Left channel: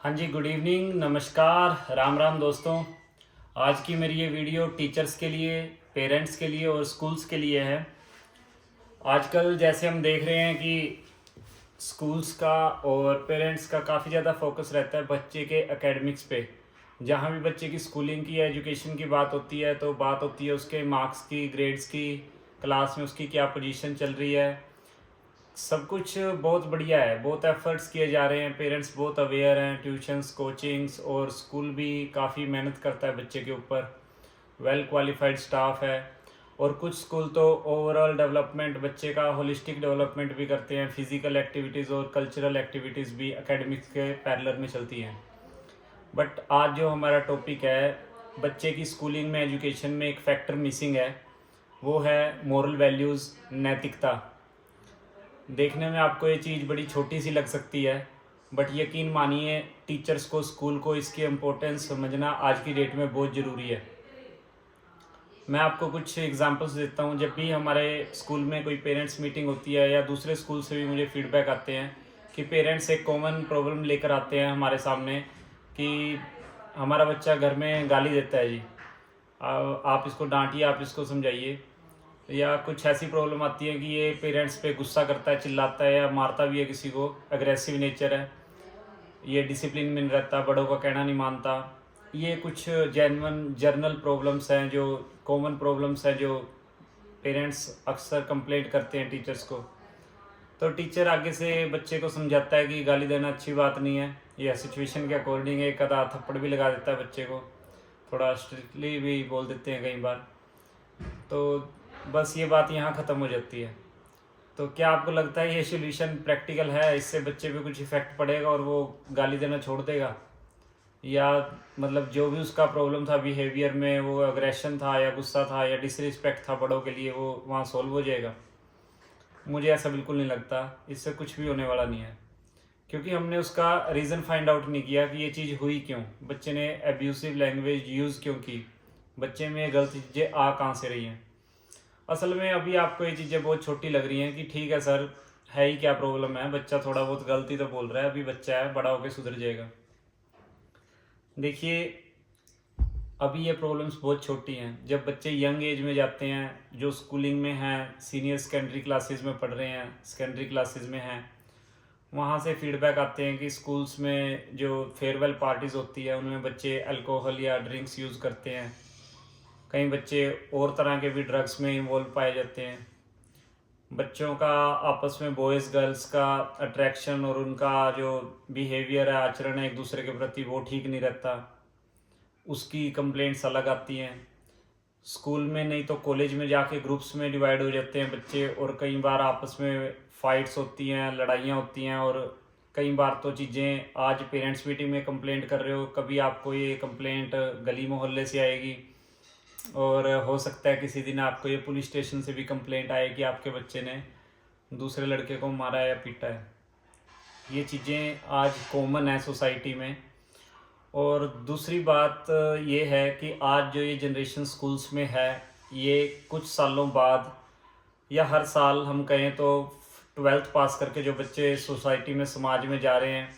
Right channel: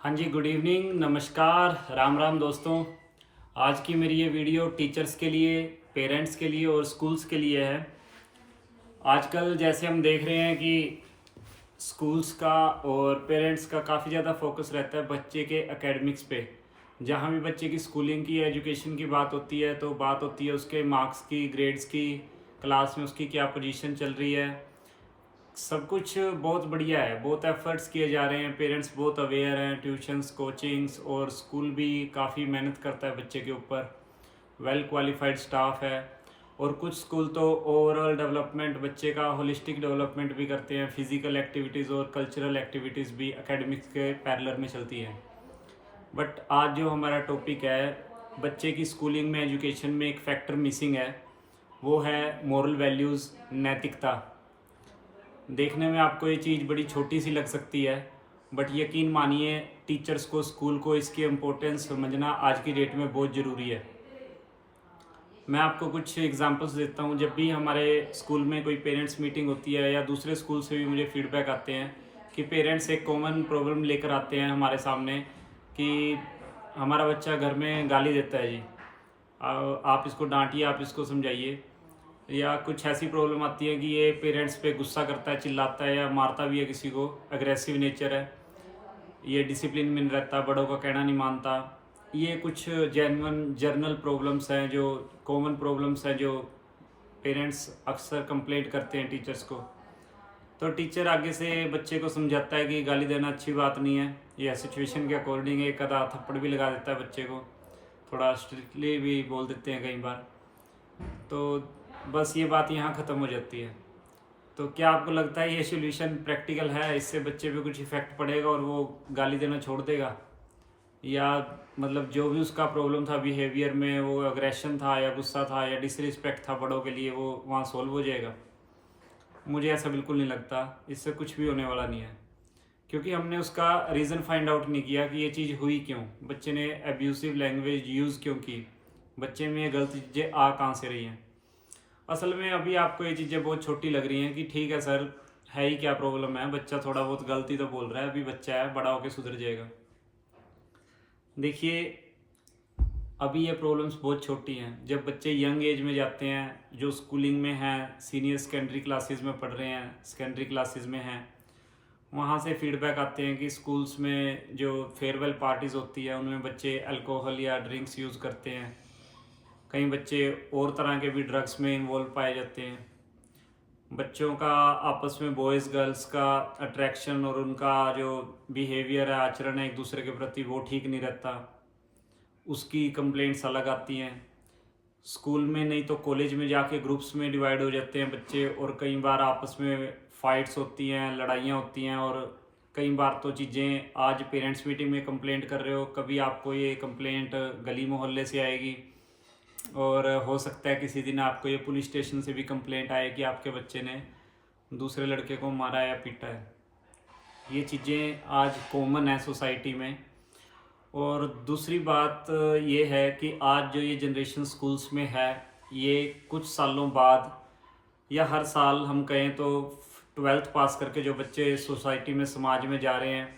हाँ जी, good evening, नमस्कार, राम राम दोस्तों। आज की मेरी ये वीडियो टीचर्स के लिए, पेरेंट्स के लिए और स्कूल्स के लिए है। आजकल जैसे हम देख रहे हैं कि स्कूल्स का और पेरेंट्स का काफ़ी ज़्यादा फोकस रहता है बच्चे के एकेडमिक्स पे। जहाँ भी बच्चे की स्कूलिंग की या एजुकेशन की बात होती है तो बात होती है उसके मार्क्स की, ग्रेड्स की, क्लास में उसकी क्या पोजीशन चल रही है। सब कुछ बहुत बढ़िया है, बहुत एफर्ट्स किए जा रहे हैं, पेरेंट्स बहुत अवेयर हैं, ट्यूशन्स, कोचिंग्स और स्कूल भी काफ़ी मेहनत करता है बच्चे के ऊपर। वेल क्वालिफाइड स्टाफ है और कुछ स्कूल तो ओवरऑल डेवलपमेंट, बच्चे का होलिस्टिक डेवलपमेंट भी करते हैं। फिजिकल एक्टिविटीज़ और कल्चरल एक्टिविटीज़ भी एकेडमिक्स के पैरेलल में चलती हैं। बट आज जो हमारा टॉपिक है, बच्चे की स्कूलिंग में, एजुकेशन में एक फैक्टर मिसिंग है, वो है मोरल वैल्यूज़, नैतिकता। देखने में आपको ये चीज़ बड़ी छोटी सी लग सकती है, बट यकीन मानिए टीचर्स को, स्कूल को इसकी इम्पोर्टेंस समझना आज की डेट में बहुत ज़रूरी है। मैं आपको कुछ एग्जांपल्स देता हूँ। जब भी हमारे स्कूल में कोई पेरेंट्स मीटिंग होती है या दूसरे स्कूल से भी मुझे फीडबैक आते हैं कि पेरेंट्स एक कॉमन प्रॉब्लम लेकर आते हैं हमारे सामने कि हमारा बच्चा घर में गाली देता है जी, आप इसको डांटिए, आप इसको समझाइए। या कुछ ऐसी प्रॉब्लम आती है कि ये पेरेंट्स पे गुस्सा करता है, चिल्लाता है या मारता भी है किसी को, अग्रेसिव नेचर है, ये डिसिप्लिन में नहीं रहता, बड़ों का कहना नहीं मानता। ये कुछ जेन्युइन जर्नल प्रॉब्लम्स हैं, जो कॉमन प्रॉब्लम्स हैं, जो पेरेंट्स अक्सर कंप्लेंट करते हैं टीचर्स को। तो टीचर आगे से बच्चे को समझाता है कि गाली देना अच्छी बात नहीं है, यह सिचुएशन के अकॉर्डिंग है। एक आधा थप्पड़ भी लगा देता है बच्चे को, थोड़ा स्ट्रिक्टली भी बोल देते हैं कई बार। तो बस ये बात यहाँ ख़त्म हो जाती है। तो क्या आपको लगता है ये सॉल्यूशन प्रैक्टिकल है? इससे बच्चे पे कुछ इफ़ेक्ट पड़ेगा और वो गाली देना छोड़ देगा? या मतलब जो भी उसका प्रॉब्लम था बिहेवियर में, वो अग्रेशन था या गुस्सा था या डिसरिस्पेक्ट था बड़ों के लिए, वो वहाँ सॉल्व हो जाएगा? मुझे ऐसा बिल्कुल नहीं लगता। इससे कुछ भी होने वाला नहीं है, क्योंकि हमने उसका रीज़न फाइंड आउट नहीं किया कि ये चीज़ हुई क्यों, बच्चे ने एब्यूसिव लैंग्वेज यूज़ क्यों की, बच्चे में ये गलत चीज़ें आ कहाँ से रही हैं। असल में अभी आपको ये चीज़ें बहुत छोटी लग रही हैं कि ठीक है सर, है ही क्या प्रॉब्लम है, बच्चा थोड़ा बहुत गलती तो बोल रहा है, अभी बच्चा है, बड़ा होकर सुधर जाएगा। देखिए, अभी ये प्रॉब्लम्स बहुत छोटी हैं। जब बच्चे यंग एज में जाते हैं, जो स्कूलिंग में हैं, सीनियर सेकेंडरी क्लासेस में पढ़ रहे हैं, सेकेंडरी क्लासेस में हैं, वहाँ से फीडबैक आते हैं कि स्कूल्स में जो फेयरवेल पार्टीज़ होती है उनमें बच्चे अल्कोहल या ड्रिंक्स यूज़ करते हैं। कई बच्चे और तरह के भी ड्रग्स में इन्वॉल्व पाए जाते हैं। बच्चों का आपस में बॉयज़ गर्ल्स का अट्रैक्शन और उनका जो बिहेवियर है, आचरण है एक दूसरे के प्रति, वो ठीक नहीं रहता, उसकी कंप्लेंट्स अलग आती हैं। स्कूल में नहीं तो कॉलेज में जाके ग्रुप्स में डिवाइड हो जाते हैं बच्चे, और कई बार आपस में फाइट्स होती हैं, लड़ाइयाँ होती हैं। और कई बार तो चीज़ें, आज पेरेंट्स मीटिंग में कंप्लेंट कर रहे हो, कभी आपको ये कंप्लेंट गली मोहल्ले से आएगी, और हो सकता है किसी दिन आपको ये पुलिस स्टेशन से भी कंप्लेंट आए कि आपके बच्चे ने दूसरे लड़के को मारा या पीटा है। ये चीज़ें आज कॉमन है सोसाइटी में। और दूसरी बात ये है कि आज जो ये जनरेशन स्कूल्स में है, ये कुछ सालों बाद या हर साल हम कहें तो 12th पास करके जो बच्चे सोसाइटी में, समाज में जा रहे हैं,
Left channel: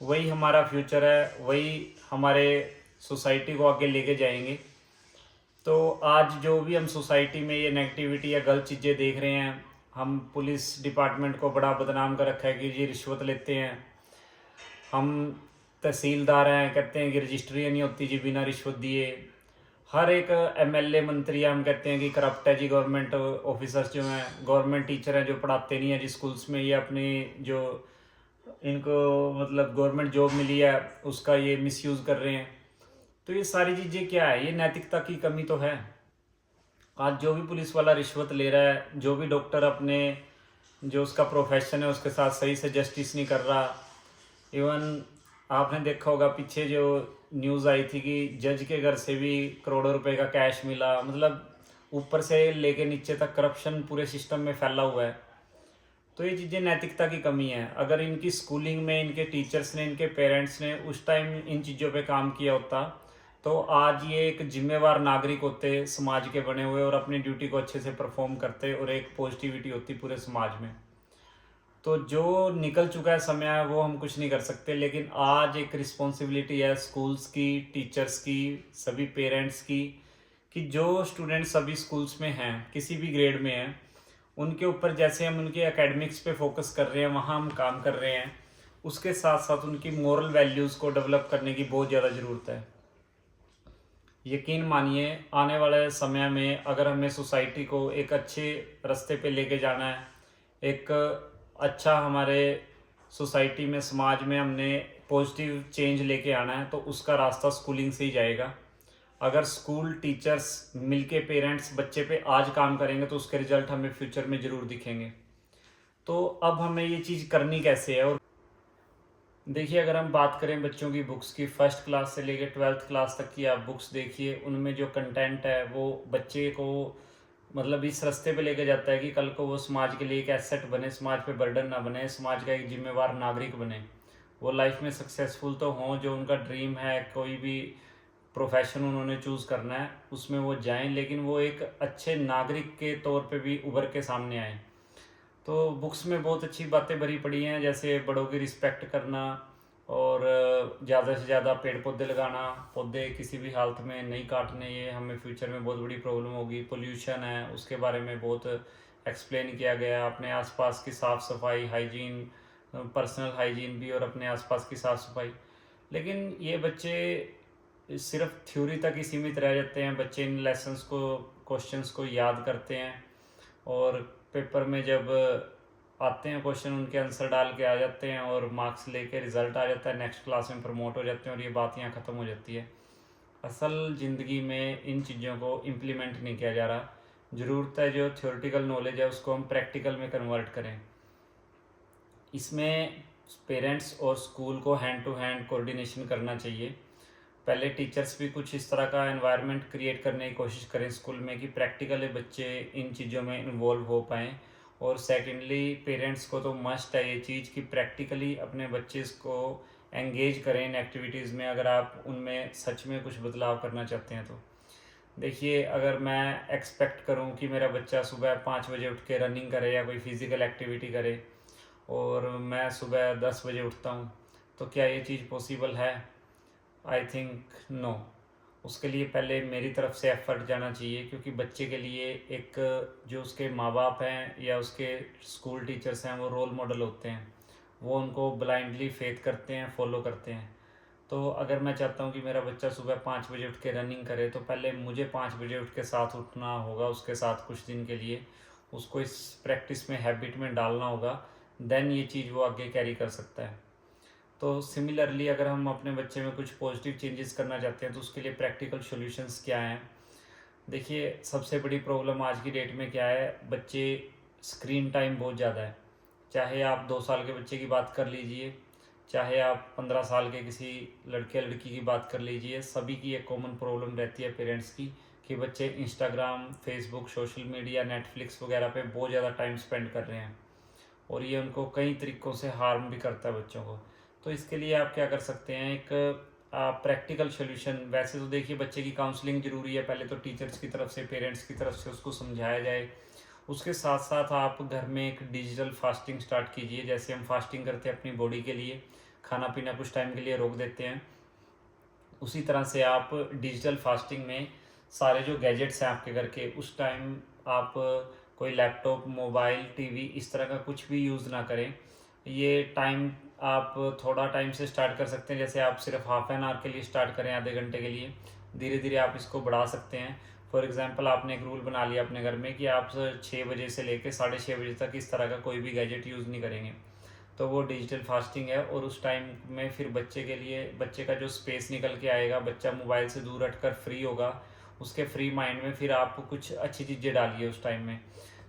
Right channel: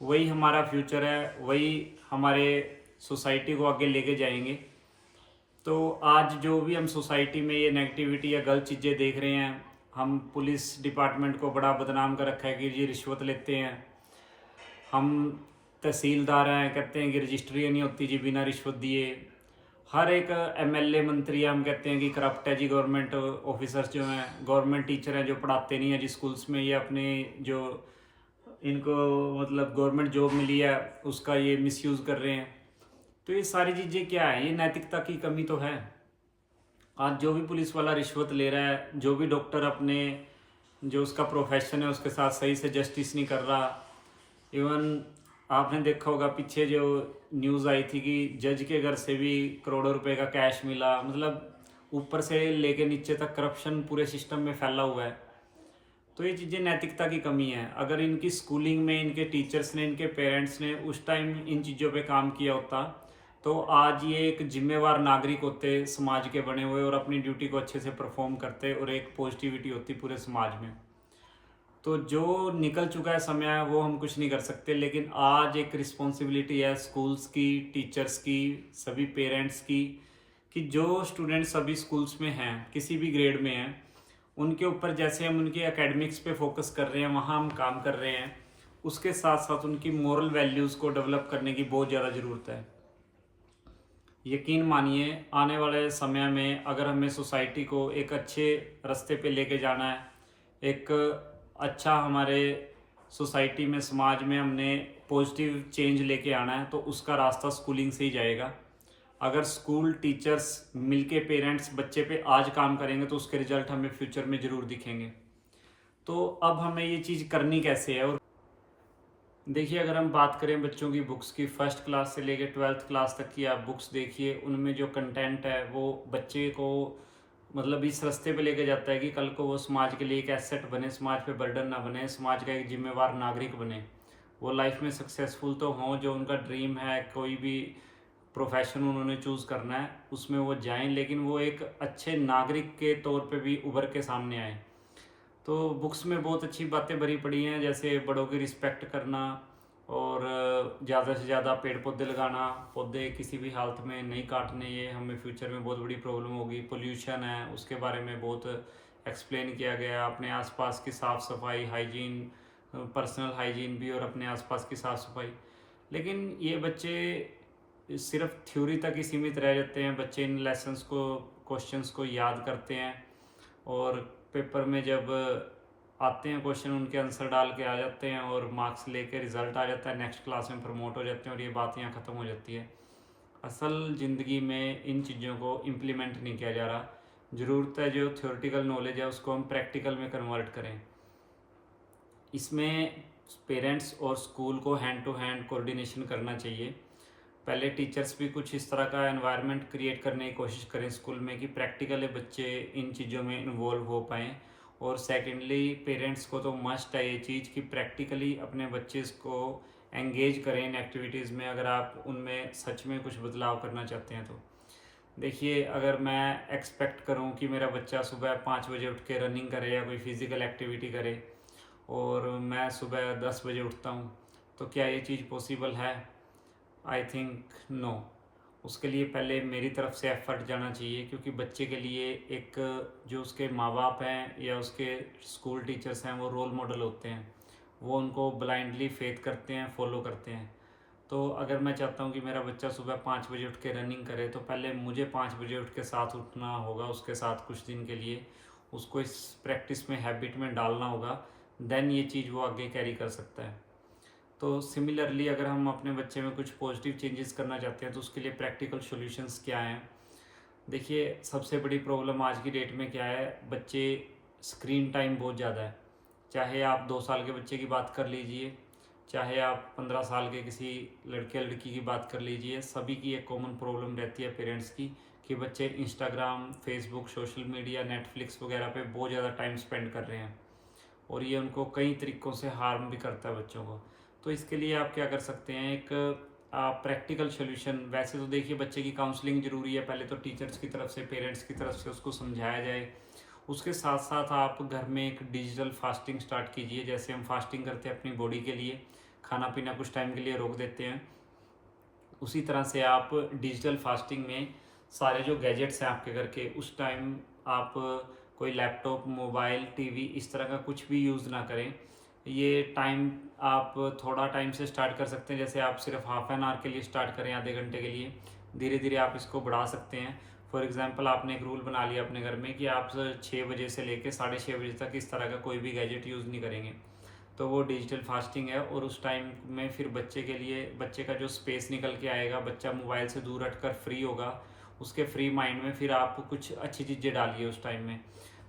वही हमारा फ्यूचर है, वही हमारे सोसाइटी को आगे लेके जाएंगे। तो आज जो भी हम सोसाइटी में ये नेगेटिविटी या गलत चीज़ें देख रहे हैं, हम पुलिस डिपार्टमेंट को बड़ा बदनाम कर रखा है कि जी रिश्वत लेते हैं। हम तहसीलदार हैं, कहते हैं कि रजिस्ट्री नहीं होती जी बिना रिश्वत दिए। हर एक एमएलए, मंत्री, हम कहते हैं कि करप्ट है जी। गवर्नमेंट ऑफिसर्स जो हैं, गवर्नमेंट टीचर हैं जो पढ़ाते नहीं हैं जी स्कूल्स में, ये अपने जो इनको मतलब गवर्नमेंट जॉब मिली है उसका ये मिसयूज़ कर रहे हैं। तो ये सारी चीज़ें क्या है, ये नैतिकता की कमी तो है। आज जो भी पुलिस वाला रिश्वत ले रहा है, जो भी डॉक्टर अपने जो उसका प्रोफेशन है उसके साथ सही से जस्टिस नहीं कर रहा। इवन आपने देखा होगा पीछे जो न्यूज़ आई थी कि जज के घर से भी करोड़ों रुपए का कैश मिला। मतलब ऊपर से लेके नीचे तक करप्शन पूरे सिस्टम में फैला हुआ है। तो ये चीज़ें नैतिकता की कमी है। अगर इनकी स्कूलिंग में इनके टीचर्स ने, इनके पेरेंट्स ने उस टाइम इन चीज़ों पे काम किया होता, तो आज ये एक जिम्मेवार नागरिक होते समाज के बने हुए, और अपनी ड्यूटी को अच्छे से परफॉर्म करते, और एक पॉजिटिविटी होती पूरे समाज में। तो जो निकल चुका है समय वो हम कुछ नहीं कर सकते, लेकिन आज एक रिस्पॉन्सिबिलिटी है स्कूल्स की, टीचर्स की, सभी पेरेंट्स की, कि जो स्टूडेंट्स सभी स्कूल्स में हैं, किसी भी ग्रेड में हैं, उनके ऊपर जैसे हम उनके एकेडमिक्स पे फोकस कर रहे हैं, वहाँ हम काम कर रहे हैं, उसके साथ साथ उनकी मोरल वैल्यूज़ को डेवलप करने की बहुत ज़्यादा ज़रूरत है। यकीन मानिए, आने वाले समय में अगर हमें सोसाइटी को एक अच्छे रास्ते पे लेके जाना है, एक अच्छा हमारे सोसाइटी में, समाज में हमने पॉजिटिव चेंज लेके आना है, तो उसका रास्ता स्कूलिंग से ही जाएगा। अगर स्कूल टीचर्स मिलके पेरेंट्स बच्चे पे आज काम करेंगे तो उसके रिजल्ट हमें फ्यूचर में ज़रूर दिखेंगे। तो अब हमें ये चीज़ करनी कैसे है? और देखिए, अगर हम बात करें बच्चों की बुक्स की, फर्स्ट क्लास से लेकर 12th क्लास तक की आप बुक्स देखिए, उनमें जो कंटेंट है वो बच्चे को मतलब इस रास्ते पे लेके जाता है कि कल को वो समाज के लिए एक एसेट बने, समाज पे बर्डन ना बने, समाज का एक जिम्मेवार नागरिक बने। वो लाइफ में सक्सेसफुल तो हों, जो उनका ड्रीम है, कोई भी प्रोफेशन उन्होंने चूज़ करना है उसमें वो जाएं, लेकिन वो एक अच्छे नागरिक के तौर पे भी उभर के सामने आए। तो बुक्स में बहुत अच्छी बातें भरी पड़ी हैं, जैसे बड़ों की रिस्पेक्ट करना, और ज़्यादा से ज़्यादा पेड़ पौधे लगाना, पौधे किसी भी हालत में नहीं काटने, ये हमें फ्यूचर में बहुत बड़ी प्रॉब्लम होगी। पोल्यूशन है, उसके बारे में बहुत एक्सप्लेन किया गया। अपने आसपास की साफ़ सफाई, हाइजीन, पर्सनल हाइजीन भी, और अपने आसपास की साफ़ सफाई। लेकिन ये बच्चे सिर्फ थ्योरी तक ही सीमित रह जाते हैं। बच्चे इन लेसन्स को, क्वेश्चंस को याद करते हैं, और पेपर में जब आते हैं क्वेश्चन, उनके आंसर डाल के आ जाते हैं और मार्क्स लेके रिजल्ट आ जाता है, नेक्स्ट क्लास में प्रमोट हो जाते हैं, और ये बात यहाँ ख़त्म हो जाती है। असल ज़िंदगी में इन चीज़ों को इम्प्लीमेंट नहीं किया जा रहा। ज़रूरत है जो थ्योरेटिकल नॉलेज है उसको हम प्रैक्टिकल में कन्वर्ट करें। इसमें पेरेंट्स और स्कूल को हैंड टू हैंड कोऑर्डिनेशन करना चाहिए। पहले टीचर्स भी कुछ इस तरह का एनवायरनमेंट क्रिएट करने की कोशिश करें स्कूल में कि प्रैक्टिकली बच्चे इन चीज़ों में इन्वॉल्व हो पाएँ। और सेकेंडली, पेरेंट्स को तो मस्ट है ये चीज़ कि प्रैक्टिकली अपने बच्चे को एंगेज करें इन एक्टिविटीज़ में, अगर आप उनमें सच में कुछ बदलाव करना चाहते हैं तो। देखिए, अगर मैं एक्सपेक्ट करूं कि मेरा बच्चा सुबह 5 बजे उठ के रनिंग करे या कोई फिज़िकल एक्टिविटी करे, और मैं सुबह 10 बजे उठता हूं, तो क्या ये चीज़ पॉसिबल है? I think no. उसके लिए पहले मेरी तरफ से एफर्ट जाना चाहिए, क्योंकि बच्चे के लिए एक, जो उसके माँ बाप हैं या उसके स्कूल टीचर्स हैं, वो रोल मॉडल होते हैं। वो उनको ब्लाइंडली फेथ करते हैं, फॉलो करते हैं। तो अगर मैं चाहता हूँ कि मेरा बच्चा सुबह 5 बजे उठ के रनिंग करे, तो पहले मुझे 5 बजे उठ के साथ उठना होगा उसके साथ कुछ दिन के लिए, उसको इस प्रैक्टिस में, हैबिट में डालना होगा। देन ये चीज़ वो आगे कैरी कर सकता है। तो सिमिलरली, अगर हम अपने बच्चे में कुछ पॉजिटिव चेंजेस करना चाहते हैं तो उसके लिए प्रैक्टिकल सॉल्यूशंस क्या हैं? देखिए, सबसे बड़ी प्रॉब्लम आज की डेट में क्या है, बच्चे स्क्रीन टाइम बहुत ज़्यादा है। चाहे आप 2 साल के बच्चे की बात कर लीजिए, चाहे आप 15 साल के किसी लड़के लड़की की बात कर लीजिए, सभी की एक कॉमन प्रॉब्लम रहती है पेरेंट्स की, कि बच्चे Instagram, Facebook, social media, Netflix वगैरह पे बहुत ज़्यादा टाइम स्पेंड कर रहे हैं, और ये उनको कई तरीक़ों से हार्म भी करता है बच्चों को। तो इसके लिए आप क्या कर सकते हैं, एक प्रैक्टिकल सॉल्यूशन। वैसे तो देखिए, बच्चे की काउंसलिंग ज़रूरी है, पहले तो टीचर्स की तरफ से, पेरेंट्स की तरफ से उसको समझाया जाए। उसके साथ साथ आप घर में एक डिजिटल फास्टिंग स्टार्ट कीजिए। जैसे हम फास्टिंग करते हैं अपनी बॉडी के लिए, खाना पीना कुछ टाइम के लिए रोक देते हैं, उसी तरह से आप डिजिटल फास्टिंग में सारे जो गैजेट्स हैं आपके घर के, उस टाइम आप कोई लैपटॉप, मोबाइल, टीवी इस तरह का कुछ भी यूज़ ना करें। ये टाइम आप थोड़ा टाइम से स्टार्ट कर सकते हैं, जैसे आप सिर्फ हाफ एन आवर के लिए स्टार्ट करें, आधे घंटे के लिए। धीरे धीरे आप इसको बढ़ा सकते हैं। फॉर एग्जांपल, आपने एक रूल बना लिया अपने घर में कि आप 6 बजे से लेकर 6:30 बजे तक इस तरह का कोई भी गैजेट यूज़ नहीं करेंगे, तो वो डिजिटल फास्टिंग है। और उस टाइम में फिर बच्चे के लिए, बच्चे का जो स्पेस निकल के आएगा, बच्चा मोबाइल से दूर हटकर फ्री होगा, उसके फ्री माइंड में फिर आप कुछ अच्छी चीज़ें डालिए उस टाइम में।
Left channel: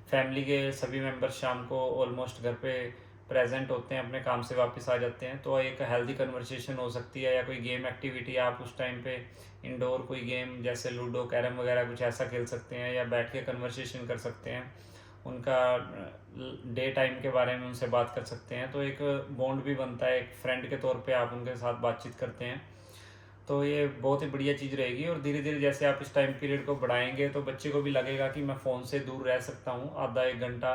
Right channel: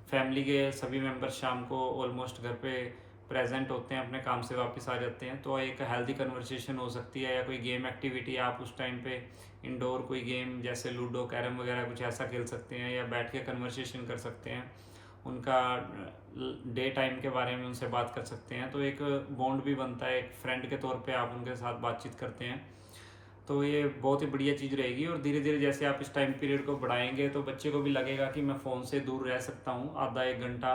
फैमिली के सभी मेंबर्स शाम को ऑलमोस्ट घर पे प्रेजेंट होते हैं, अपने काम से वापस आ जाते हैं, तो एक हेल्दी कन्वर्सेशन हो सकती है, या कोई गेम एक्टिविटी आप उस टाइम पे इंडोर कोई गेम जैसे लूडो, कैरम वगैरह कुछ ऐसा खेल सकते हैं, या बैठ के कन्वर्सेशन कर सकते हैं, उनका डे टाइम के बारे में उनसे बात कर सकते हैं। तो एक बॉन्ड भी बनता है, एक फ्रेंड के तौर पे आप उनके साथ बातचीत करते हैं, तो ये बहुत ही बढ़िया चीज़ रहेगी। और धीरे धीरे जैसे आप इस टाइम पीरियड को बढ़ाएंगे, तो बच्चे को भी लगेगा कि मैं फ़ोन से दूर रह सकता हूँ आधा 1 घंटा,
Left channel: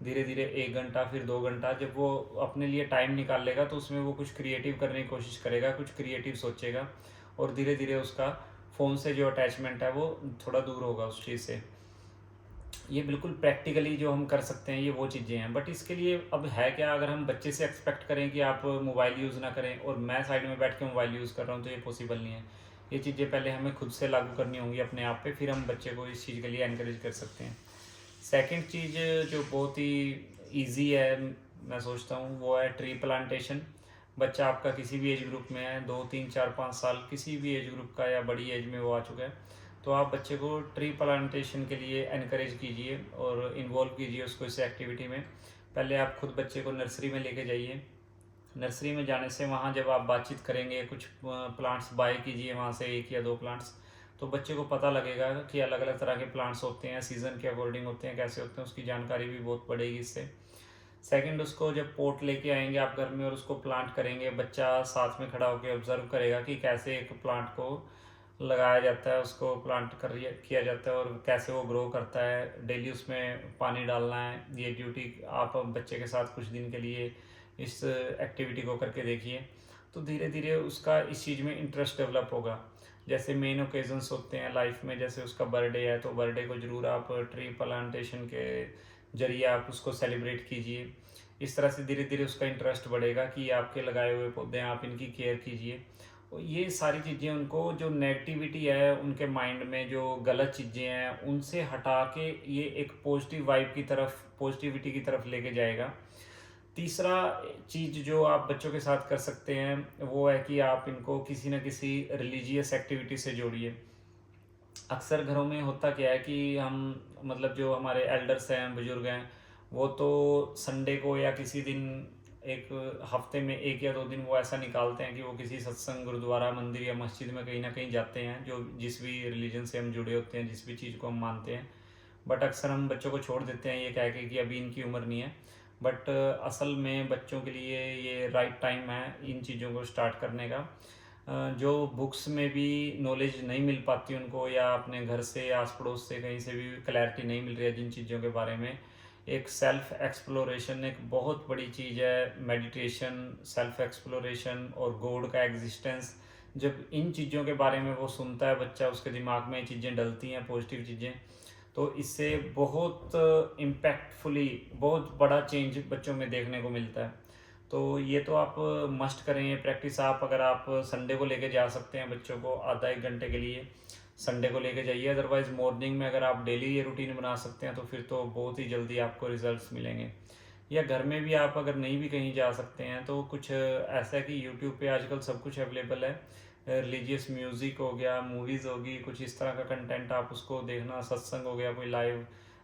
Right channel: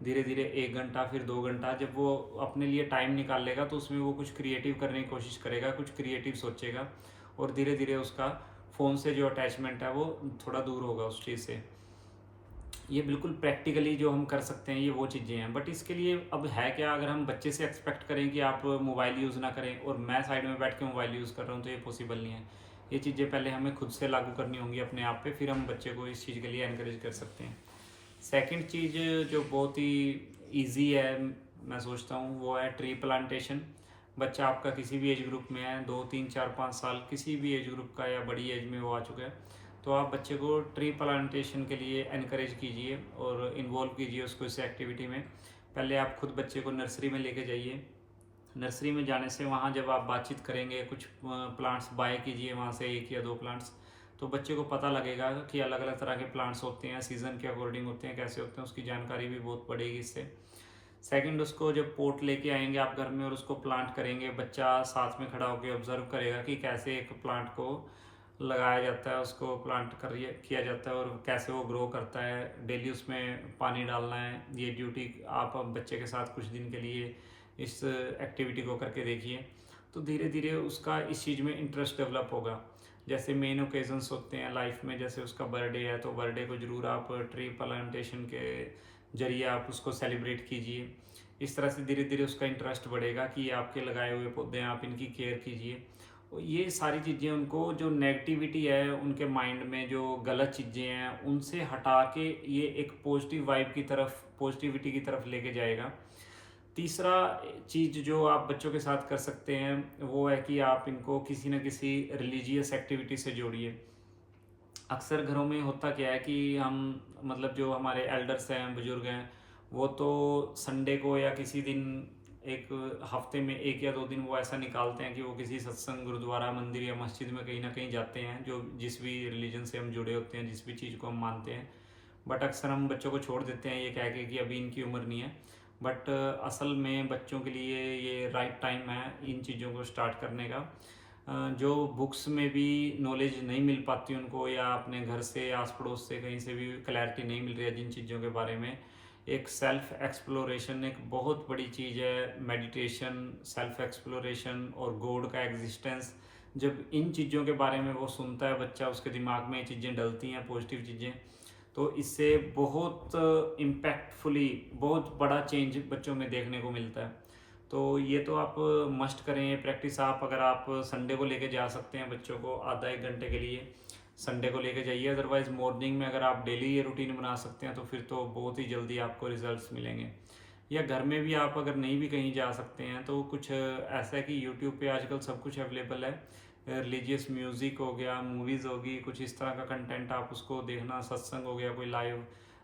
धीरे धीरे 1 घंटा, फिर 2 घंटा, जब वो अपने लिए टाइम निकाल लेगा तो उसमें वो कुछ क्रिएटिव करने की कोशिश करेगा, कुछ क्रिएटिव सोचेगा, और धीरे धीरे उसका फ़ोन से जो अटैचमेंट है वो थोड़ा दूर होगा उस चीज़ से। ये बिल्कुल प्रैक्टिकली जो हम कर सकते हैं, ये वो चीज़ें हैं। बट इसके लिए अब है क्या, अगर हम बच्चे से एक्सपेक्ट करें कि आप मोबाइल यूज़ ना करें और मैं साइड में बैठ के मोबाइल यूज़ कर रहा हूँ, तो ये पॉसिबल नहीं है। ये चीज़ें पहले हमें खुद से लागू करनी होंगी अपने आप पे, फिर हम बच्चे को इस चीज़ के लिए एनकरेज कर सकते हैं। सेकंड चीज़ जो बहुत ही ईजी है, मैं सोचता हूँ, वो है ट्री प्लांटेशन। बच्चा आपका किसी भी एज ग्रुप में है, 2 3 4 5 साल, किसी भी एज ग्रुप का या बड़ी एज में वो आ चुका है, तो आप बच्चे को ट्री प्लांटेशन के लिए एनकरेज कीजिए और इन्वॉल्व कीजिए उसको इस एक्टिविटी में। पहले आप खुद बच्चे को नर्सरी में लेके जाइए। नर्सरी में जाने से वहाँ जब आप बातचीत करेंगे, कुछ प्लांट्स बाय कीजिए वहाँ से, 1 या 2 प्लांट्स, तो बच्चे को पता लगेगा कि अलग अलग तरह के प्लांट्स होते हैं, सीज़न के अकॉर्डिंग होते हैं, कैसे होते हैं, उसकी जानकारी भी बहुत बढ़ेगी इससे। सेकंड, उसको जब पोट लेके आएंगे आप घर में और उसको प्लांट करेंगे, बच्चा साथ में खड़ा होकर ऑब्जर्व करेगा कि कैसे एक प्लांट को लगाया जाता है, उसको प्लांट कर किया जाता है और कैसे वो ग्रो करता है। डेली उसमें पानी डालना है। ये ड्यूटी आप बच्चे के साथ कुछ दिन के लिए इस एक्टिविटी को करके देखिए, तो धीरे धीरे उसका इस चीज़ में इंटरेस्ट डेवलप होगा। जैसे मेन ओकेजन्स होते हैं लाइफ में, जैसे उसका बर्थडे है, तो बर्थडे को ज़रूर आप ट्री प्लांटेशन के जरिए आप उसको सेलिब्रेट कीजिए। इस तरह से धीरे धीरे उसका इंटरेस्ट बढ़ेगा कि ये आपके लगाए हुए पौधे हैं, आप इनकी केयर कीजिए। और ये सारी चीज़ें उनको, जो नेगेटिविटी है उनके माइंड में, जो गलत चीज़ें हैं, उनसे हटा के ये एक पॉजिटिव वाइब की तरफ, पॉजिटिविटी की तरफ लेके जाएगा। तीसरा चीज़ जो आप बच्चों के साथ कर सकते हैं वो है कि आप इनको किसी न किसी रिलीजियस एक्टिविटी से जोड़िए। अक्सर घरों में होता क्या है कि हम, मतलब जो हमारे एल्डर्स हैं, बुजुर्ग हैं, वो तो संडे को या किसी दिन, एक हफ्ते में 1 या 2 दिन वो ऐसा निकालते हैं कि वो किसी सत्संग, गुरुद्वारा, मंदिर या मस्जिद में कहीं ना कहीं जाते हैं, जो जिस भी रिलीजन से हम जुड़े होते हैं, जिस भी चीज़ को हम मानते हैं। बट अक्सर हम बच्चों को छोड़ देते हैं ये कह के कि अभी इनकी उम्र नहीं है। बट असल में बच्चों के लिए ये राइट टाइम है इन चीज़ों को स्टार्ट करने का। जो बुक्स में भी नॉलेज नहीं मिल पाती उनको, या अपने घर से या आस पड़ोस से कहीं से भी क्लैरिटी नहीं मिल रही है जिन चीज़ों के बारे में, एक सेल्फ एक्सप्लोरेशन एक बहुत बड़ी चीज़ है। मेडिटेशन, सेल्फ एक्सप्लोरेशन और गॉड का एग्जिस्टेंस, जब इन चीज़ों के बारे में वो सुनता है बच्चा, उसके दिमाग में ये चीज़ें डलती हैं, पॉजिटिव चीज़ें, तो इससे बहुत इम्पैक्टफुली बहुत बड़ा चेंज बच्चों में देखने को मिलता है। तो ये तो आप मस्ट करें ये प्रैक्टिस। आप अगर आप संडे को लेके जा सकते हैं बच्चों को आधा 1 घंटे के लिए, संडे को लेके जाइए। अदरवाइज़ मॉर्निंग में अगर आप डेली ये रूटीन बना सकते हैं तो फिर तो बहुत ही जल्दी आपको रिजल्ट्स मिलेंगे। या घर में भी आप अगर नहीं भी कहीं जा सकते हैं तो कुछ ऐसा है कि यूट्यूब पे आजकल सब कुछ अवेलेबल है। रिलीजियस म्यूज़िक हो गया, मूवीज़ होगी, कुछ इस तरह का कंटेंट आप उसको देखना, सत्संग हो गया कोई लाइव,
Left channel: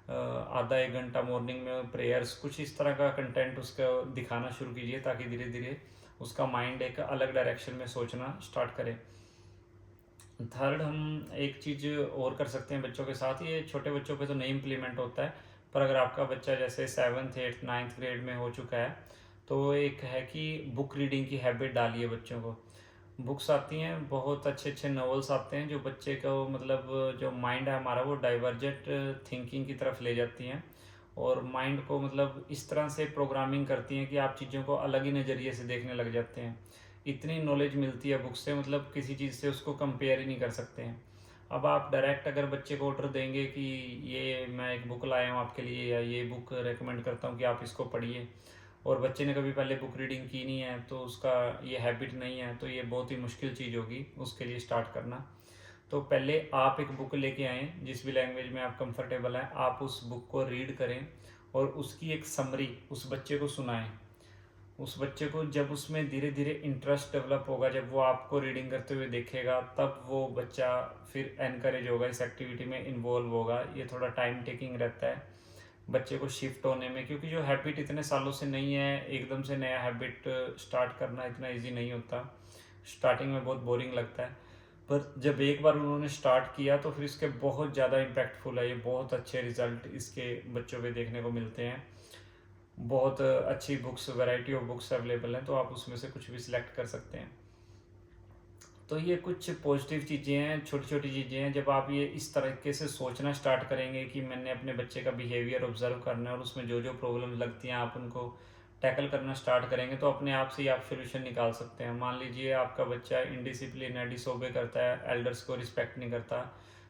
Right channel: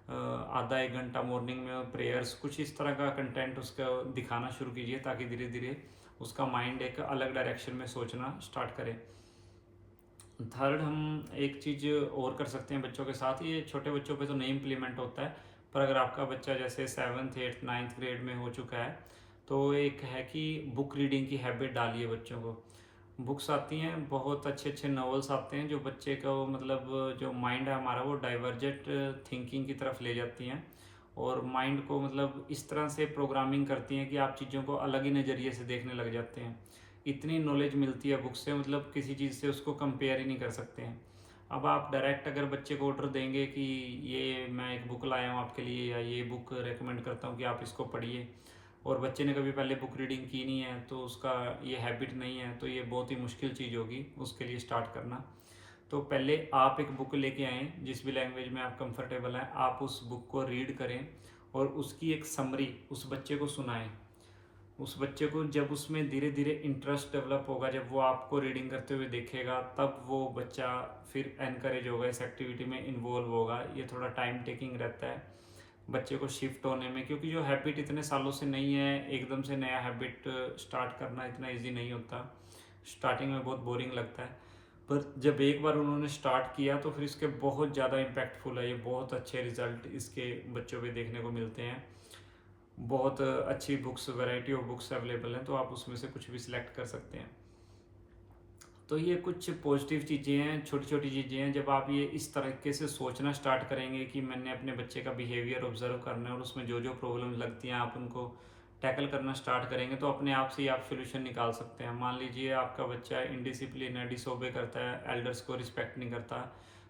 आधा 1 घंटा मॉर्निंग में प्रेयर्स, कुछ इस तरह का कंटेंट उसका दिखाना शुरू कीजिए, ताकि धीरे धीरे उसका माइंड एक अलग डायरेक्शन में सोचना स्टार्ट करे। थर्ड, हम एक चीज़ और कर सकते हैं बच्चों के साथ, ये छोटे बच्चों पे तो नहीं इम्प्लीमेंट होता है, पर अगर आपका बच्चा जैसे 7th 8th 9th ग्रेड में हो चुका है, तो एक है कि बुक रीडिंग की हैबिट डालिए बच्चों को। बुक्स आती हैं, बहुत अच्छे अच्छे नॉवेल्स आते हैं जो बच्चे को, मतलब जो माइंड है हमारा, वो डाइवर्जेंट थिंकिंग की तरफ ले जाती हैं और माइंड को मतलब इस तरह से प्रोग्रामिंग करती हैं कि आप चीज़ों को अलग ही नज़रिए से देखने लग जाते हैं। इतनी नॉलेज मिलती है बुक से, मतलब किसी चीज़ से उसको कंपेयर ही नहीं कर सकते हैं। अब आप डायरेक्ट अगर बच्चे को ऑर्डर देंगे कि ये मैं एक बुक लाया हूँ आपके लिए, या ये बुक रेकमेंड करता हूँ कि आप इसको पढ़िए, और बच्चे ने कभी पहले बुक रीडिंग की नहीं है, तो उसका ये हैबिट नहीं है, तो ये बहुत ही मुश्किल चीज़ होगी उसके लिए स्टार्ट करना। तो पहले आप एक बुक लेके आएँ, जिस भी लैंग्वेज में आप कंफर्टेबल हैं, आप उस बुक को रीड करें और उसकी एक समरी उस बच्चे को सुनाएं। उस बच्चे को जब उसमें धीरे धीरे इंटरेस्ट डेवलप होगा, जब वो आपको रीडिंग करते हुए देखेगा, तब वो बच्चा फिर एनकरेज होगा, इस एक्टिविटी में इन्वॉल्व होगा। ये थोड़ा टाइम टेकिंग रहता है बच्चे को शिफ्ट होने में, क्योंकि जो हैबिट इतने सालों से नहीं है, एकदम से नया हैबिट स्टार्ट करना इतना इजी नहीं होता। स्टार्टिंग में बहुत बोरिंग लगता है, पर जब एक बार उन्होंने स्टार्ट किया तो फिर इसके बहुत ज़्यादा इम्पैक्टफुल है, ये बहुत अच्छे रिजल्ट इसके बच्चों पे देखने को मिलते हैं। बहुत अच्छी books, variety of books available हैं, तो आप उसमें से कुछ भी सिलेक्ट कर सकते हैं। तो ये कुछ पॉजिटिव चीज़ें हैं, छोटी छोटी चीज़ें हैं। जब आप ये इस तरीके से सोचना स्टार्ट करेंगे कि मैंने अपने बच्चे का बिहेवियर ऑब्जर्व करना है और उसमें जो जो प्रॉब्लम लगती हैं आप उनको टैकल करना स्टार्ट करेंगे, तो अपने आप से ही आप सोल्यूशन निकाल सकते हैं। मान लीजिए आपका बच्चा इनडिसिप्लिन है, डिसोबे करता है, एल्डर्स को रिस्पेक्ट नहीं करता,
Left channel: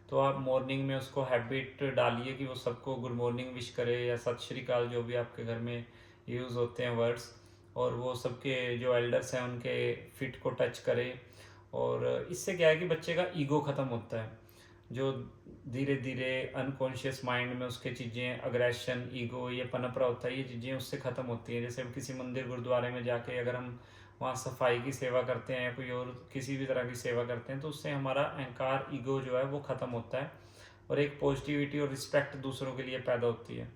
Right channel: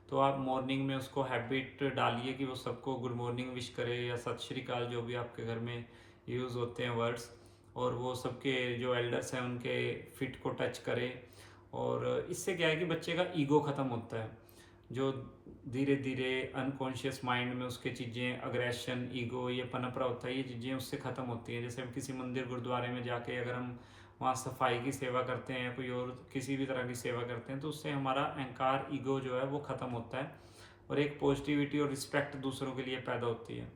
तो आप मॉर्निंग में उसको हैबिट डालिए कि वो सबको गुड मॉर्निंग विश करे या सत श्री अकाल, जो भी आपके घर में यूज़ होते हैं वर्ड्स, और वो सबके जो एल्डर्स हैं उनके फिट को टच करे। और इससे क्या है कि बच्चे का ईगो ख़त्म होता है, जो धीरे धीरे अनकॉन्शियस माइंड में उसके चीज़ें अग्रेशन, ईगो ये पनप रहा होता है, ये चीज़ें उससे ख़त्म होती हैं। जैसे हम किसी मंदिर गुरुद्वारे में जाके अगर हम वहाँ सफाई की सेवा करते हैं, कोई और किसी भी तरह की सेवा करते हैं, तो उससे हमारा अहंकार, ईगो जो है वो ख़त्म होता है और एक पॉजिटिविटी और रिस्पेक्ट दूसरों के लिए पैदा होती है।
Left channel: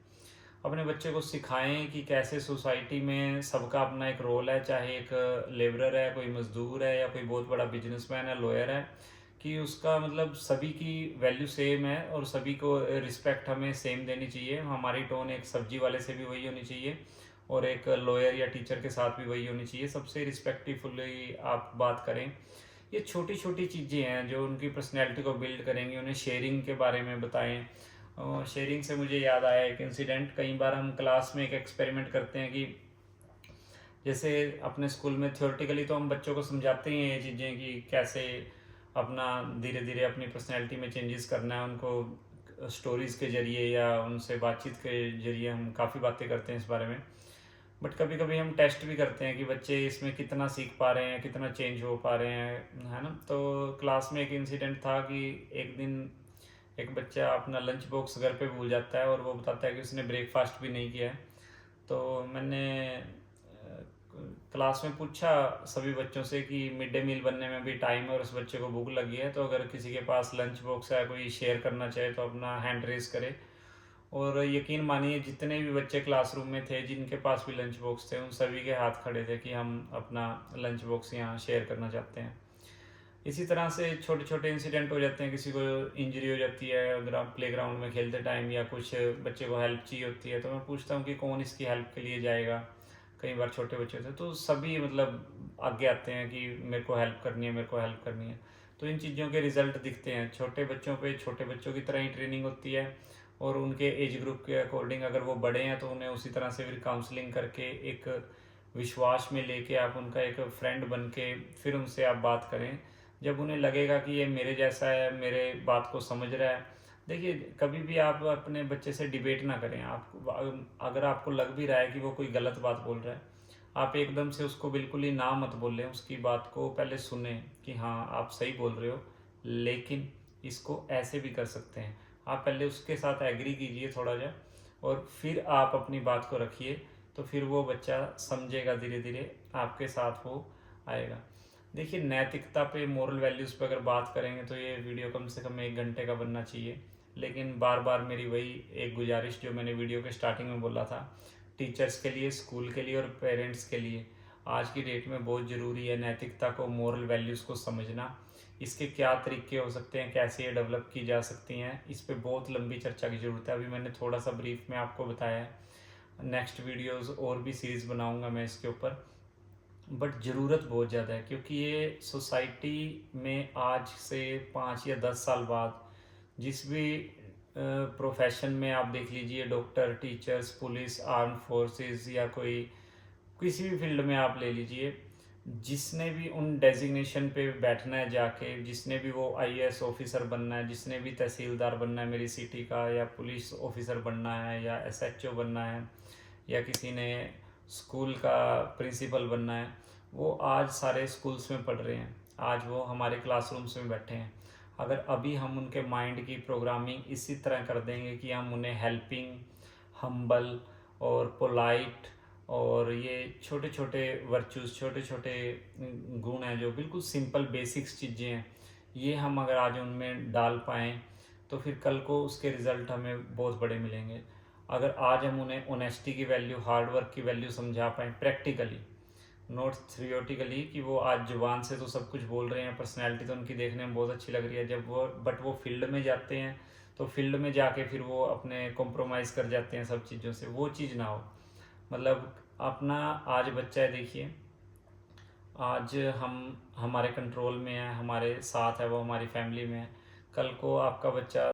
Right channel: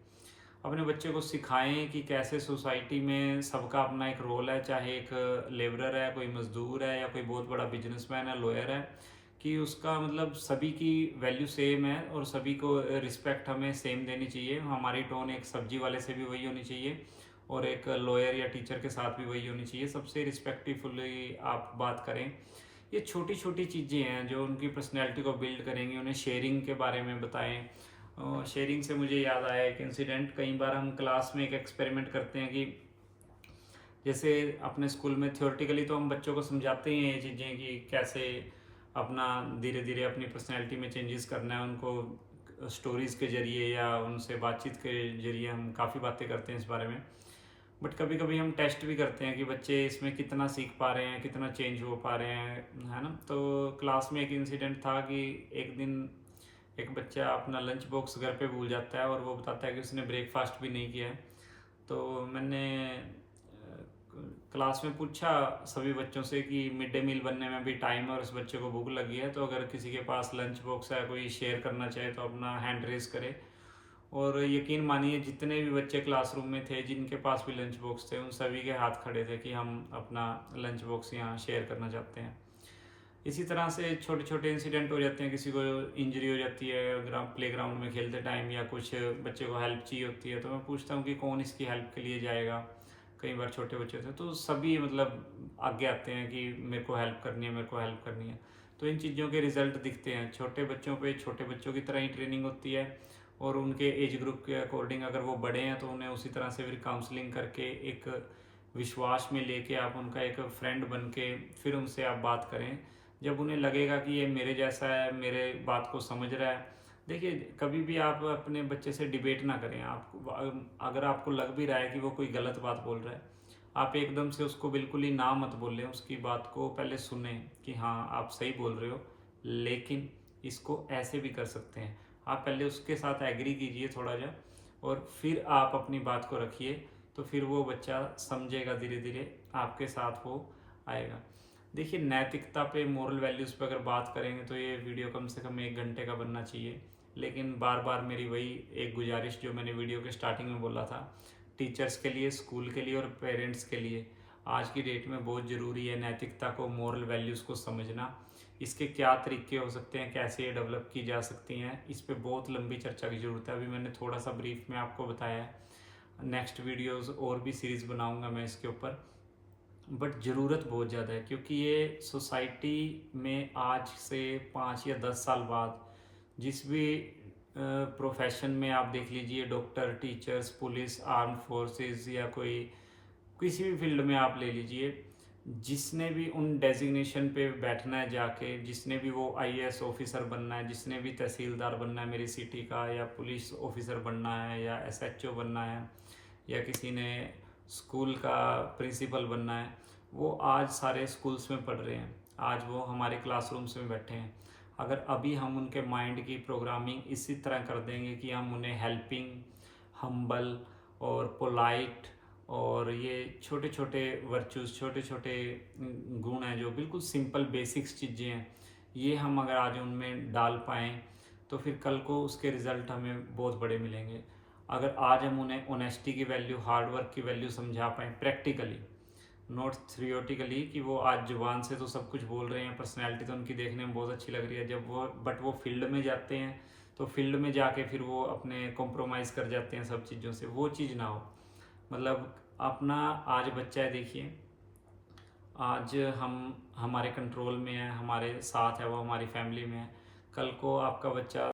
अपने बच्चे को सिखाएं कि कैसे सोसाइटी में सबका अपना एक रोल है, चाहे एक लेबरर है, कोई मज़दूर है, या कोई बहुत बड़ा बिजनेसमैन है, लॉयर है, कि उसका मतलब सभी की वैल्यू सेम है और सभी को रिस्पेक्ट हमें सेम देनी चाहिए। हमारी टोन एक सब्जी वाले से भी वही होनी चाहिए और एक लॉयर या टीचर के साथ भी वही होनी चाहिए। सबसे रिस्पेक्टफुली आप बात करें। ये छोटी छोटी चीज़ें हैं जो उनकी पर्सनैलिटी को बिल्ड करेंगी। उन्हें शेयरिंग के बारे में बताएं। शेयरिंग से मुझे याद आया एक इंसिडेंट। कई बार हम क्लास में एक एक्सपेरिमेंट करते हैं कि जैसे अपने स्कूल में थ्योरेटिकली तो हम बच्चों को समझाते ही हैं ये चीज़ें कि कैसे अपना धीरे धीरे अपनी पर्सनैलिटी में चेंजेस करना है। उनको स्टोरीज़ के ज़रिए या उनसे बातचीत के ज़रिए हम काफ़ी बातें करते हैं इस बारे में। बट कभी कभी हम टेस्ट भी करते हैं कि बच्चे इसमें कितना सीख पा रहे हैं, कितना चेंज हो पा रहे हैं, है ना। तो क्लास में एक इंसिडेंट था कि एक दिन एक बच्चा अपना लंच बॉक्स घर पे भूल जाता है और वो बताता है कि उसने ब्रेकफास्ट भी नहीं किया है। तो मैंने क्लास में पूछा सभी बच्चों से कि मिड डे मील बनने में अभी टाइम है और उस बच्चे को भूख लगी है, तो अगर किसी के पास लंच बॉक्स है, कोई शेयर करना चाहे तो अपना हैंड रेज करे। और यकीन मानिए जितने भी बच्चे क्लासरूम में थे जिनके पास भी लंच बॉक्स थे, उन सभी के हाथ खड़े थे कि हम अपना लंच बॉक्स यहाँ शेयर करना चाहते हैं। इसी तरह से छोटे छोटे इंसिडेंट हो जाते हैं। किसी को इंजरी हो जाती है प्ले ग्राउंड में खेलते टाइम, या कुछ बच्चे को हेल्प चाहिए होती है, तो मैं पूछता हूँ कि कौन इसकी हेल्प के लिए जाएगा। कई बार छोटे बच्चे होते हैं तो सभी मतलब आगे आते हैं कि मेरे को हेल्प करनी है, मेरे को हेल्प करनी है। तो इन चीज़ों के रिजल्ट दिखते हैं। छोटे बच्चों पे छोटे बच्चों की तरह ही ट्रेनिंग होती है और उनके एज ग्रुप के अकॉर्डिंग अगर वो बड़े हैं तो उन्हें उसी तरह से फिर काउंसलिंग करके एक विश्वास में लेके आप उनका एक फ्रेंड बन के फिर उनसे आप बात करें। जब उन्हें लगेगा कि ये मेरे जैसा है, मेरे बात को समझ रहा है। देखिए कभी भी आप अपने बच्चे से डिबेट ना करें। आपको अगर आपको लग भी रहा है कि वो कोई गलत बात बोल रहा है, आप एकदम से उसको बिल्कुल ही ना मत बोलें। उसकी बात को पहले सुने कि हाँ आप सही बोल रहे हो, लेकिन इसको ऐसे भी कर सकते हैं। आप पहले उसके साथ एग्री कीजिए थोड़ा जा, और फिर आप अपनी बात को रखिए, तो फिर वो बच्चा समझेगा, धीरे धीरे आपके साथ वो आएगा। देखिए नैतिकता पे, मोरल वैल्यूज़ पे अगर बात करेंगे तो ये वीडियो कम से कम 1 घंटे का बनना चाहिए। लेकिन बार बार मेरी वही एक गुजारिश जो मैंने वीडियो के स्टार्टिंग में बोला था, टीचर्स के लिए, स्कूल के लिए और पेरेंट्स के लिए आज की डेट में बहुत ज़रूरी है नैतिकता को, मोरल वैल्यूज़ को समझना। इसके क्या तरीके हो सकते हैं, कैसे ये डेवलप की जा सकती हैं, इस पे बहुत लंबी चर्चा की ज़रूरत है। अभी मैंने थोड़ा सा ब्रीफ में आपको बताया है। नेक्स्ट वीडियोस और भी सीरीज़ बनाऊंगा मैं इसके ऊपर। बट ज़रूरत बहुत ज़्यादा है क्योंकि ये सोसाइटी में आज से 5 या 10 साल बाद जिस भी प्रोफेशन में आप देख लीजिए, doctor, teachers, police, arm forces, या कोई किसी भी फील्ड में आप ले लीजिए, जिसने भी उन डेजिग्नेशन पे बैठना है जाके, जिसने भी वो आईएएस ऑफिसर बनना है, जिसने भी तहसीलदार बनना है मेरी सिटी का, या पुलिस ऑफिसर बनना है, या एसएचओ बनना है, या किसी ने स्कूल का प्रिंसिपल बनना है, वो आज सारे स्कूल्स में पढ़ रहे हैं। आज वो हमारे क्लासरूम्स में बैठे हैं। अगर अभी हम उनके माइंड की प्रोग्रामिंग इसी तरह कर देंगे कि हम उन्हें हेल्पिंग, हम्बल और पोलाइट, और ये छोटे छोटे वर्चूज़, छोटे छोटे गुण हैं जो बिल्कुल सिंपल बेसिक्स चीज़ें हैं, ये हम अगर आज उनमें डाल पाएँ तो फिर कल को उसके रिज़ल्ट हमें बहुत बड़े मिलेंगे। अगर आज हम उन्हें ऑनेस्टी की वैल्यू, हार्ड वर्क की वैल्यू समझा पाएँ प्रैक्टिकली, नॉट थियोरेटिकली कि वो आज जुबान से तो सब कुछ बोल रहे हैं, पर्सनैलिटी तो उनकी देखने में बहुत अच्छी लग रही है, जब वो फील्ड में जाते हैं तो फील्ड में जाके फिर वो अपने कॉम्प्रोमाइज़ कर जाते हैं सब चीज़ों से। वो चीज़ ना हो। मतलब अपना आज बच्चा है, देखिए आज हम हमारे कंट्रोल में है, हमारे साथ है, वो हमारी फैमिली में है। कल को आपका बच्चा